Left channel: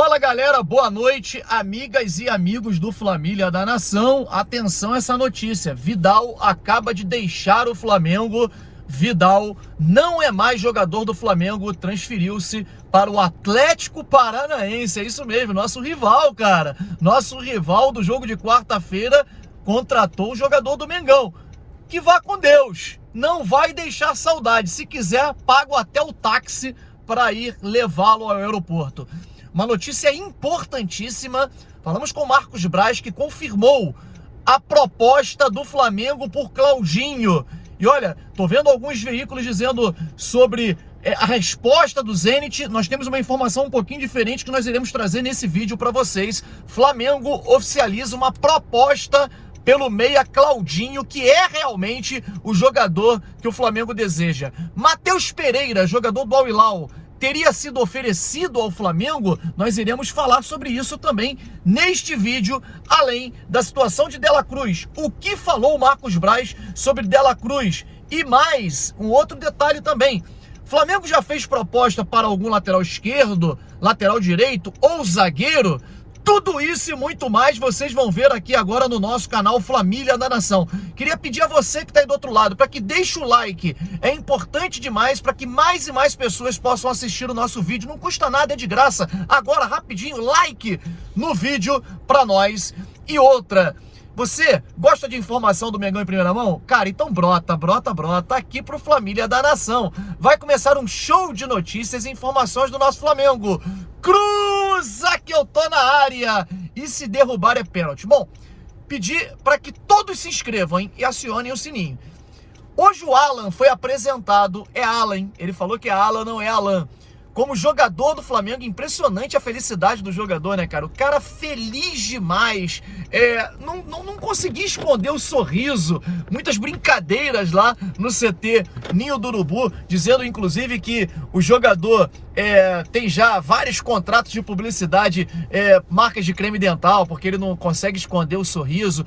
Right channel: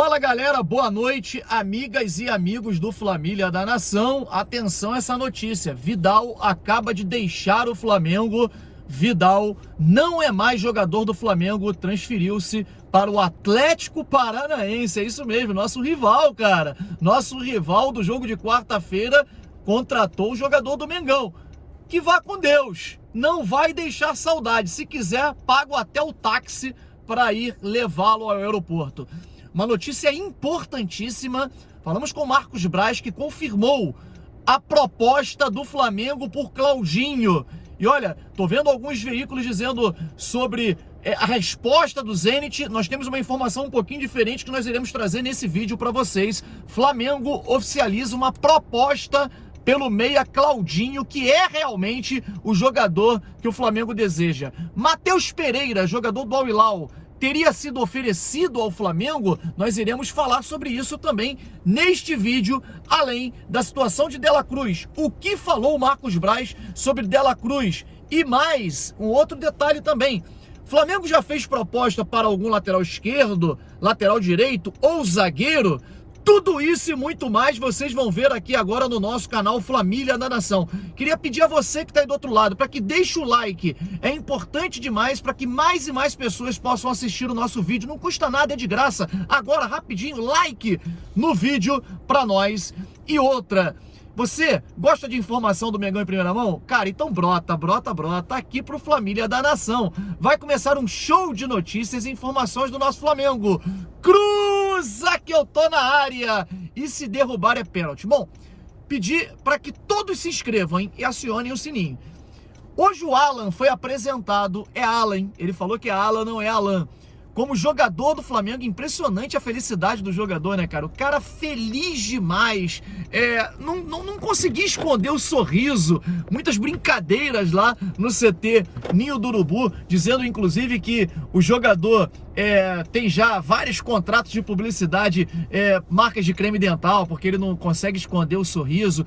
Fala galera, boa noite, amigas e amigos do Flamília da Nação. Atenção a essa notícia, Vidal acaba de deixar o Flamengo. Vidal não é mais jogador do Flamengo, transferiu-se para o Atlético Paranaense. É isso mesmo, nosso rival, cara. Nosso rival do jogo de quarta-feira contratou o jogador do Mengão. Que vá com Deus, não vai deixar saudade. Se quiser, pago até o táxi para ir levá-lo ao aeroporto. Uma notícia importantíssima, falamos com o Marcos Braz, que confirmou a proposta do Flamengo por Claudinho. E olha, tô vendo alguns veículos dizendo sobre a resposta do Zenit. Nós temos uma informação um pouquinho diferente que nós iremos trazer nesse vídeo para vocês. Flamengo oficializa uma proposta pelo meia Claudinho, que é realmente o jogador que o Flamengo deseja. Matheus Pereira, jogador do Al Hilal, teria sido oferecido ao Flamengo? Nós iremos falar sobre isso também neste vídeo, além da situação de Dela Cruz. O que falou o Marcos Braz sobre Dela Cruz? E mais, um outro detalhe também. Flamengo já fez proposta para algum lateral esquerdo, lateral direito ou zagueiro? Tudo isso e muito mais vocês vão ver aqui agora no nosso canal Flamília da Nação. Queria pedir a você que está aí do outro lado para que deixe o like. É importante demais para que mais e mais pessoas possam assistir o nosso vídeo. Não custa nada, é de graça. Agora, rapidinho, like no vídeo para nós. E outra, você gosta de informação do Mengão em primeira mão? Cara, então brota aqui pro Flamília da Nação. Vai começar um show de notícias e informações do nosso Flamengo. Cruza que eu tô na área! E se derrubar é pênalti. Bom, pedir para que todos se inscrevam, hein, e acionem o sininho. Hoje o Alan foi apresentado, é Alan, ele falou que é Alan, não é Alan. Como jogador do Flamengo, impressionante a felicidade do jogador, né, cara? O cara feliz demais, não consegui esconder o sorriso, muitas brincadeiras lá no CT Ninho do Urubu, dizendo inclusive que o jogador tem já vários contratos de publicidade, marcas de creme dental, porque ele não consegue esconder o sorriso.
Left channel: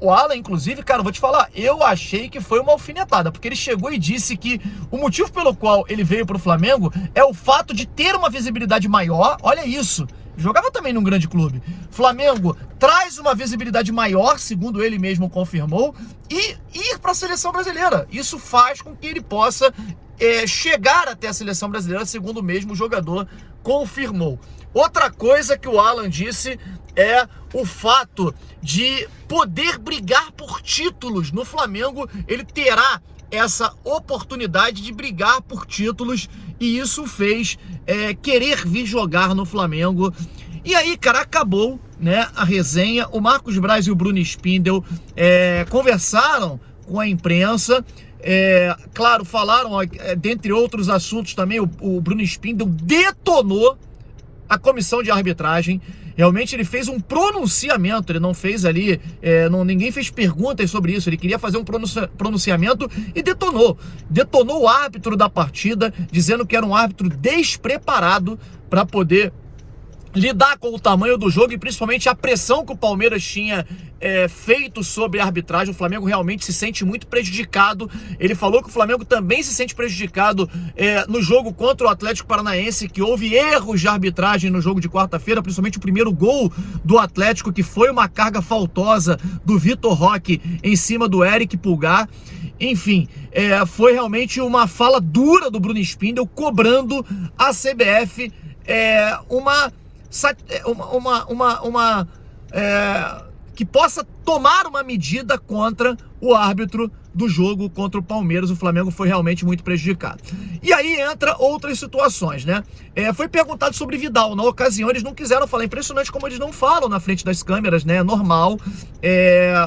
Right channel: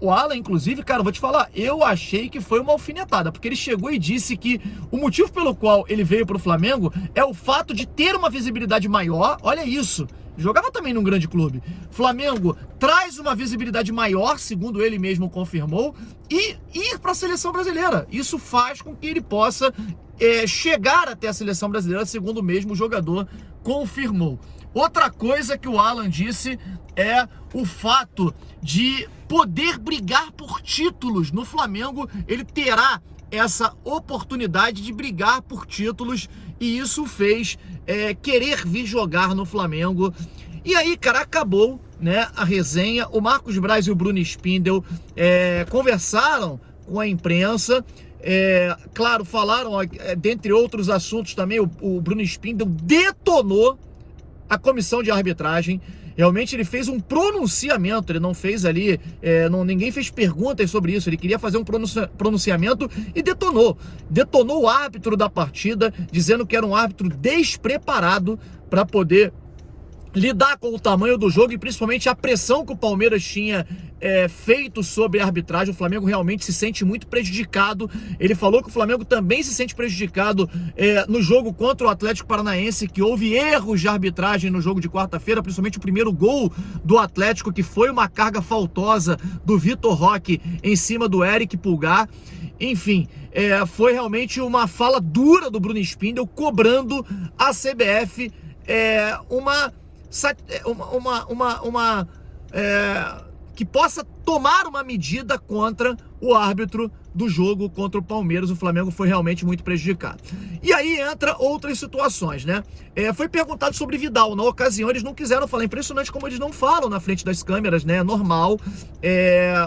O Alan, inclusive, cara, vou te falar, eu achei que foi uma alfinetada, porque ele chegou e disse que o motivo pelo qual ele veio para o Flamengo é o fato de ter uma visibilidade maior. Olha isso, jogava também num grande clube. Flamengo traz uma visibilidade maior, segundo ele mesmo confirmou, e ir para a seleção brasileira. Isso faz com que ele possa chegar até a seleção brasileira, segundo o mesmo jogador confirmou. Outra coisa que o Alan disse é o fato de poder brigar por títulos no Flamengo. Ele terá essa oportunidade de brigar por títulos e isso fez querer vir jogar no Flamengo. E aí, cara, acabou, né, a resenha. O Marcos Braz e o Bruno Spindel conversaram com a imprensa. Claro, falaram, dentre outros assuntos também, o Bruno Spindel detonou a comissão de arbitragem. Realmente ele fez um pronunciamento, ele não fez ali, ninguém fez perguntas sobre isso, ele queria fazer um pronunciamento e detonou o árbitro da partida, dizendo que era um árbitro despreparado para poder lidar com o tamanho do jogo e principalmente a pressão que o Palmeiras tinha feito sobre a arbitragem. O Flamengo realmente se sente muito prejudicado. Ele falou que o Flamengo também se sente prejudicado no jogo contra o Atlético Paranaense, que houve erros de arbitragem no jogo de quarta-feira, principalmente o primeiro gol do Atlético, que foi uma carga faltosa do Vitor Roque em cima do Eric Pulgar. Enfim, foi realmente uma fala dura do Bruno Spindel, cobrando a CBF que possa tomar uma medida contra o árbitro do jogo contra o Palmeiras. O Flamengo foi realmente muito prejudicado. E aí entra outras situações, né? Foi perguntado sobre Vidal. Na ocasião eles não quiseram falar. Impressionante como eles não falam na frente das câmeras, né? Normal.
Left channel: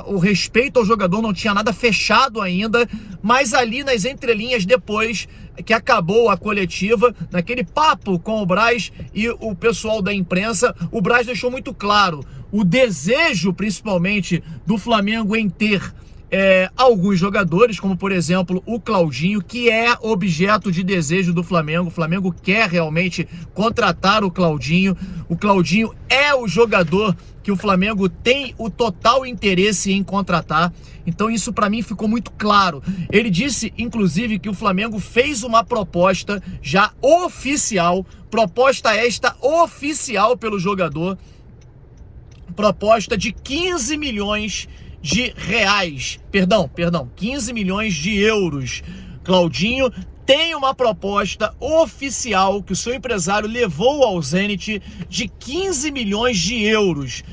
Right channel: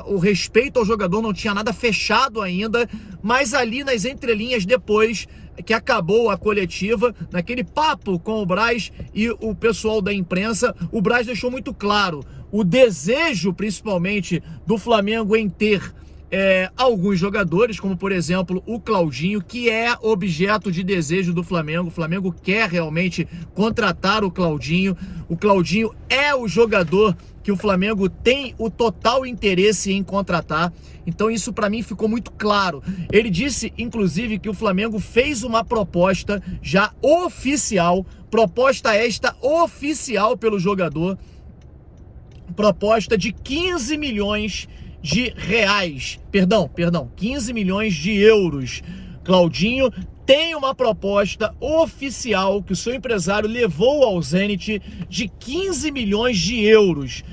O respeito ao jogador não tinha nada fechado ainda, mas ali nas entrelinhas, depois que acabou a coletiva, naquele papo com o Braz e o pessoal da imprensa, o Braz deixou muito claro o desejo, principalmente, do Flamengo em ter alguns jogadores, como por exemplo o Claudinho, que é objeto de desejo do Flamengo. O Flamengo quer realmente contratar o Claudinho. O Claudinho é o jogador que o Flamengo tem o total interesse em contratar. Então isso para mim ficou muito claro. Ele disse, inclusive, que o Flamengo fez uma proposta já oficial, proposta esta oficial pelo jogador, proposta de 15 milhões de reais, perdão, 15 milhões de euros. Claudinho tem uma proposta oficial que o seu empresário levou ao Zenit de 15 milhões de euros.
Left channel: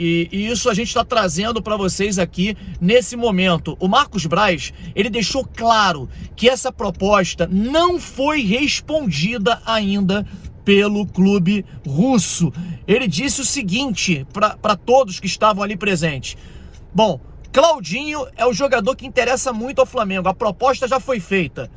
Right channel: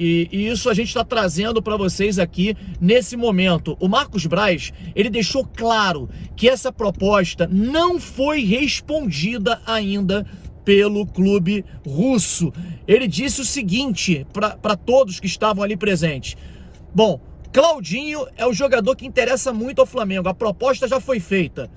E isso a gente está trazendo para vocês aqui nesse momento. O Marcos Braz, ele deixou claro que essa proposta não foi respondida ainda pelo clube russo. Ele disse o seguinte para todos que estavam ali presentes: bom, Claudinho é o jogador que interessa muito ao Flamengo, a proposta já foi feita.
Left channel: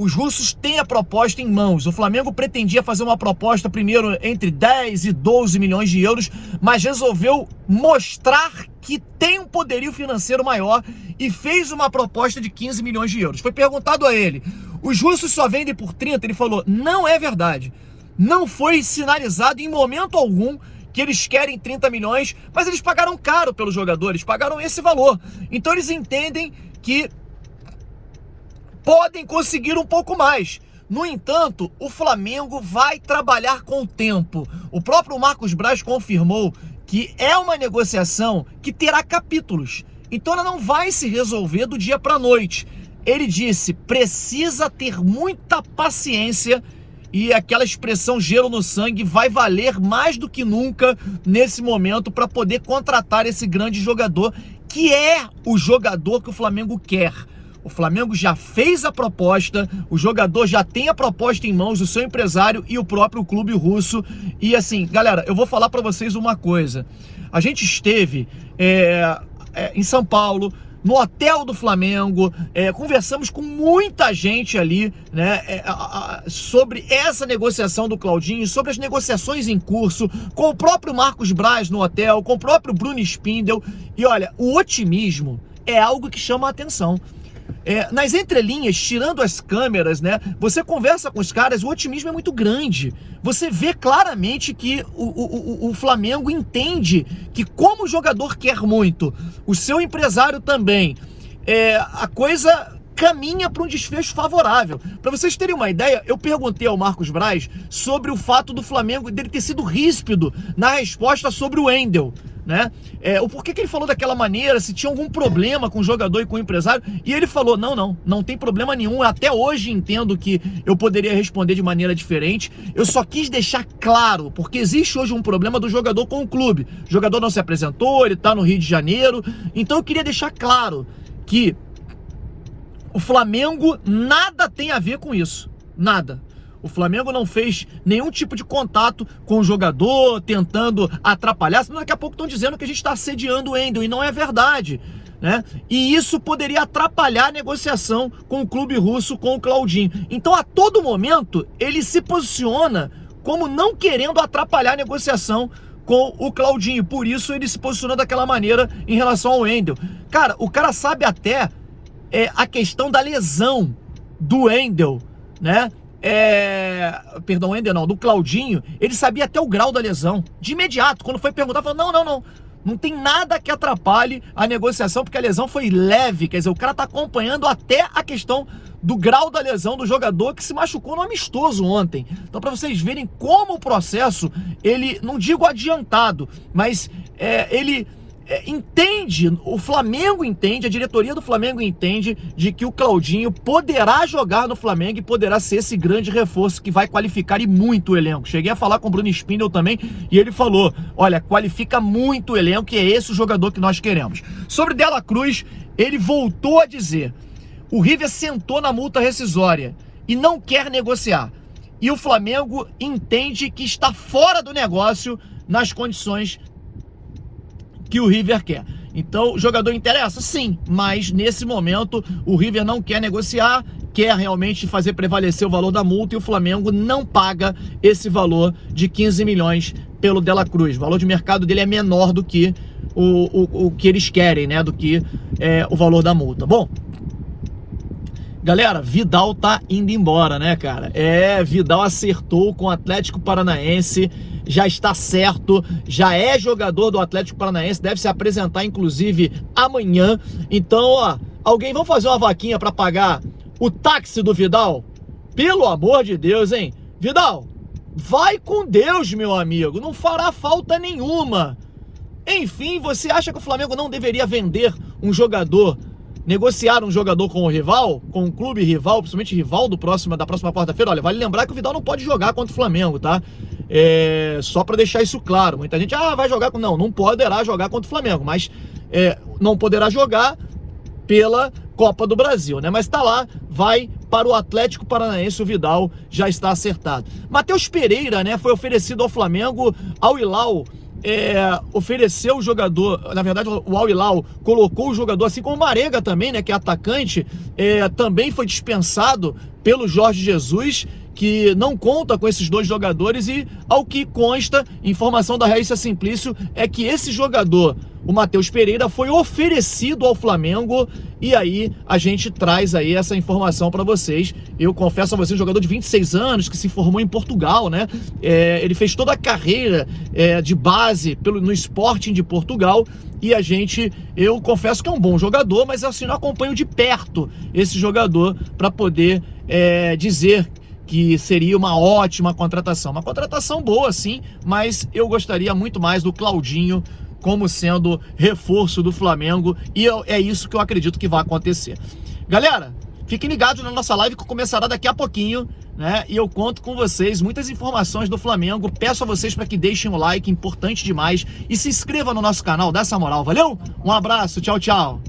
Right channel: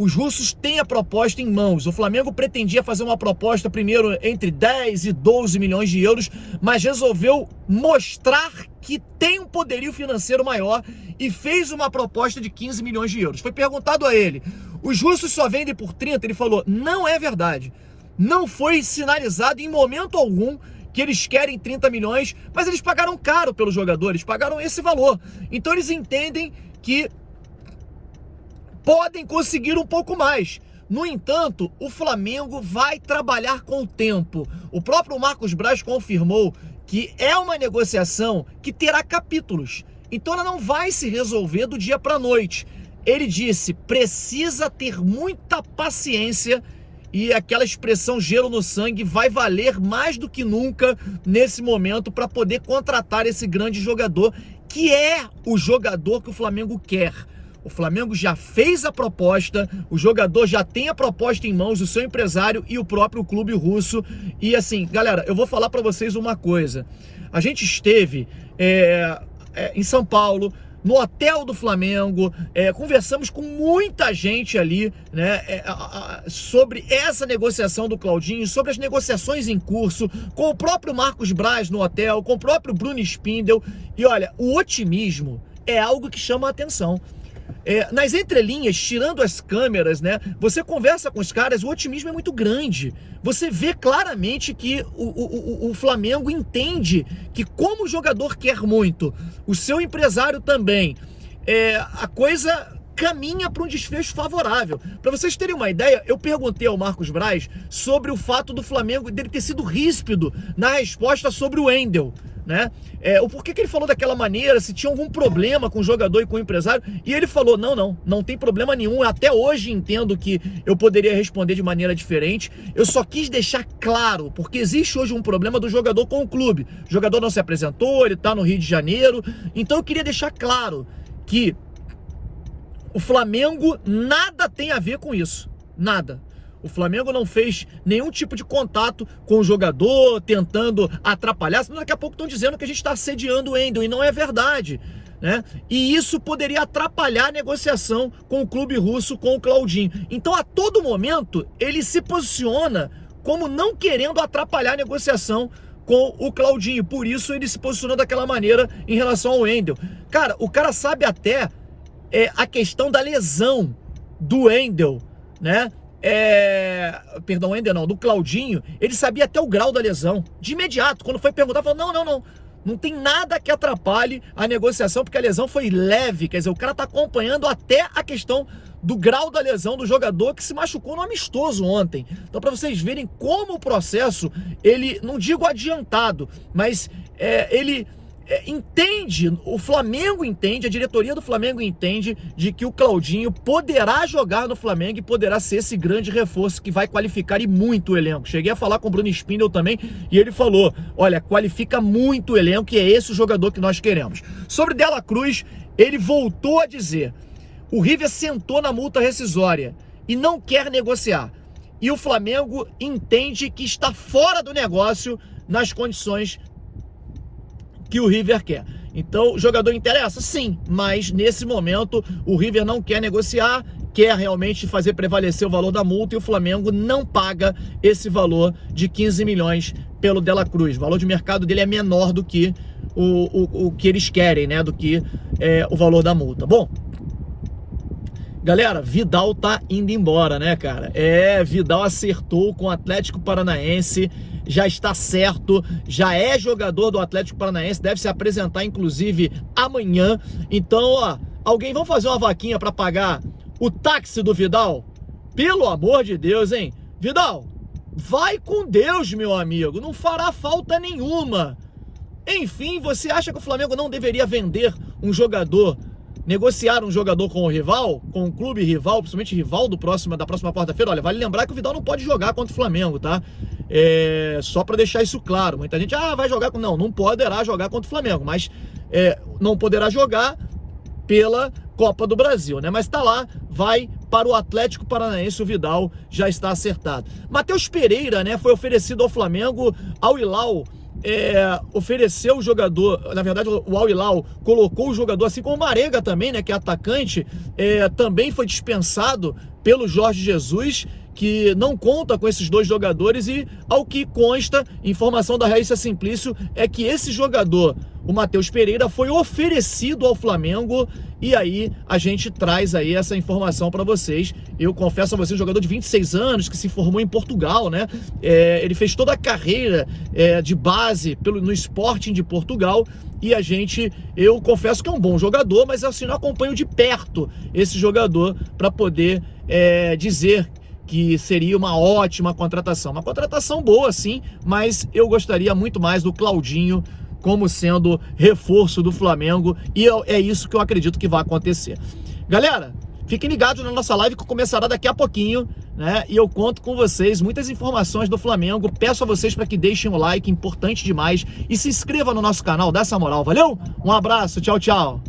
Os russos têm a proposta em mãos. O Flamengo pretendia fazer uma proposta primeiro entre 10 e 12 milhões de euros, mas resolveu mostrar que tem um poderio financeiro maior e fez uma proposta de 15 milhões de euros. Foi perguntado a ele: os russos só vendem por 30? Ele falou: não é verdade. Não foi sinalizado em momento algum que eles querem 30 milhões, mas eles pagaram caro pelos jogadores, pagaram esse valor. Então eles entendem que podem conseguir um pouco mais. No entanto, o Flamengo vai trabalhar com o tempo. O próprio Marcos Braz confirmou que é uma negociação que terá capítulos. Então ela não vai se resolver do dia para a noite. Ele disse: precisa ter muita paciência, e aquela expressão gelo no sangue vai valer mais do que nunca nesse momento para poder contratar esse grande jogador, que é o jogador que o Flamengo quer. O Flamengo já fez a proposta, o jogador já tem a proposta em mãos, o seu empresário e o próprio clube russo. E assim, galera, eu vou falar para vocês uma coisa. A gente esteve em São Paulo, no hotel do Flamengo, conversamos com muita gente ali, né, sobre essa negociação do Claudinho, sobre as negociações em curso, com o próprio Marcos Braz no hotel, com o próprio Bruno Spindel. E olha, o otimismo é algo que chama a atenção. Nas entrelinhas, tirando as câmeras, né, você conversa com os caras, o otimismo é muito grande. Você vê claramente que o Flamengo entende que, como o jogador quer muito, o seu empresário também, a coisa caminha para um desfecho favorável. Para vocês terem uma ideia, eu perguntei ao Marcos Braz sobre o fato do Flamengo dele ter sido ríspido na resposta sobre o Wendel, né? O porquê que ele falou daquela maneira, se tinha algum problema com o jogador e com o empresário, e ele falou: não tem problema nenhum. Até hoje entendo que eu poderia responder de maneira diferente, eu só quis deixar claro, porque existe hoje um problema do jogador com o clube. O jogador não se apresentou, ele tá no Rio de Janeiro, então eu queria deixar claro que o Flamengo nada tem a ver com isso, nada. O Flamengo não fez nenhum tipo de contato com o jogador, tentando atrapalhar, senão daqui a pouco estão dizendo que a gente está assediando o Wendel, e não é verdade, né? E isso poderia atrapalhar a negociação com o clube russo, com o Claudinho. Então, a todo momento, ele se posiciona como não querendo atrapalhar a negociação com o Claudinho. Por isso, ele se posicionou daquela maneira em relação ao Wendel. Cara, o cara sabe até a questão da lesão do Wendel, né? Perdão, Wendel não, do Claudinho. Ele sabia até o grau da lesão de imediato. Quando foi perguntar, falou: não tem nada que atrapalhe a negociação, porque a lesão foi leve. Quer dizer, o cara tá acompanhando até a questão do grau da lesão do jogador que se machucou no amistoso ontem. Então, para vocês verem como o processo, ele, não digo adiantado, mas ele entende, o Flamengo entende, a diretoria do Flamengo entende de que o Claudinho poderá jogar no Flamengo e poderá ser esse grande reforço que vai qualificar e muito o elenco. Cheguei a falar com o Bruno Spindel também e ele falou: olha, qualifica muito o elenco e é esse o jogador que nós queremos. Sobre Dela Cruz, ele voltou a dizer: o River sentou na multa rescisória e não quer negociar. E o Flamengo entende que está fora do negócio nas condições que o River quer. Então, o jogador interessa? Sim, mas nesse momento o River não quer negociar, quer realmente fazer prevalecer o valor da multa, e o Flamengo não paga esse valor de 15 milhões pelo Dela Cruz. O valor de mercado dele é menor do que o que eles querem, né? Do que o valor da multa. Bom, galera, Vidal tá indo embora, né, cara? Vidal acertou com o Atlético Paranaense, já está certo, já é jogador do Atlético Paranaense, deve se apresentar, inclusive, amanhã. Então, ó, vamos fazer uma vaquinha para pagar o táxi do Vidal? Pelo amor de Deus, hein? Vidal, vai com Deus, meu amigo, não fará falta nenhuma. Enfim, você acha que o Flamengo não deveria vender um jogador, negociar um jogador com o rival, com um clube rival, principalmente rival da próxima quarta-feira? Olha, vale lembrar que o Vidal não pode jogar contra o Flamengo, tá? Só para deixar isso claro. Muita gente, vai jogar com... Não poderá jogar contra o Flamengo, mas não poderá jogar pela Copa do Brasil, né? Mas tá lá, vai para o Atlético Paranaense, o Vidal já está acertado. Matheus Pereira, né, foi oferecido ao Flamengo, ao Hilal ofereceu o jogador, na verdade o Al Hilal colocou o jogador, assim como o Marega também, né, que é atacante, também foi dispensado pelo Jorge Jesus, que não conta com esses dois jogadores, e ao que consta, informação da Raíssa Simplício, é que esse jogador, o Matheus Pereira, foi oferecido ao Flamengo, e aí a gente traz aí essa informação para vocês. Eu confesso a vocês, um jogador de 26 anos, que se formou em Portugal, né? Ele fez toda a carreira de base no Sporting de Portugal, e eu confesso que é um bom jogador, mas assim, não acompanho de perto esse jogador para poder dizer que seria uma ótima contratação. Uma contratação boa, sim, mas eu gostaria muito mais do Claudinho como sendo reforço do Flamengo, e é isso que eu acredito que vai acontecer. Galera, fiquem ligados na nossa live que começará daqui a pouquinho, né? E eu conto com vocês, muitas informações do Flamengo. Peço a vocês para que deixem o like, importante demais, e se inscreva no nosso canal, dá essa moral, valeu? Um abraço, tchau, tchau.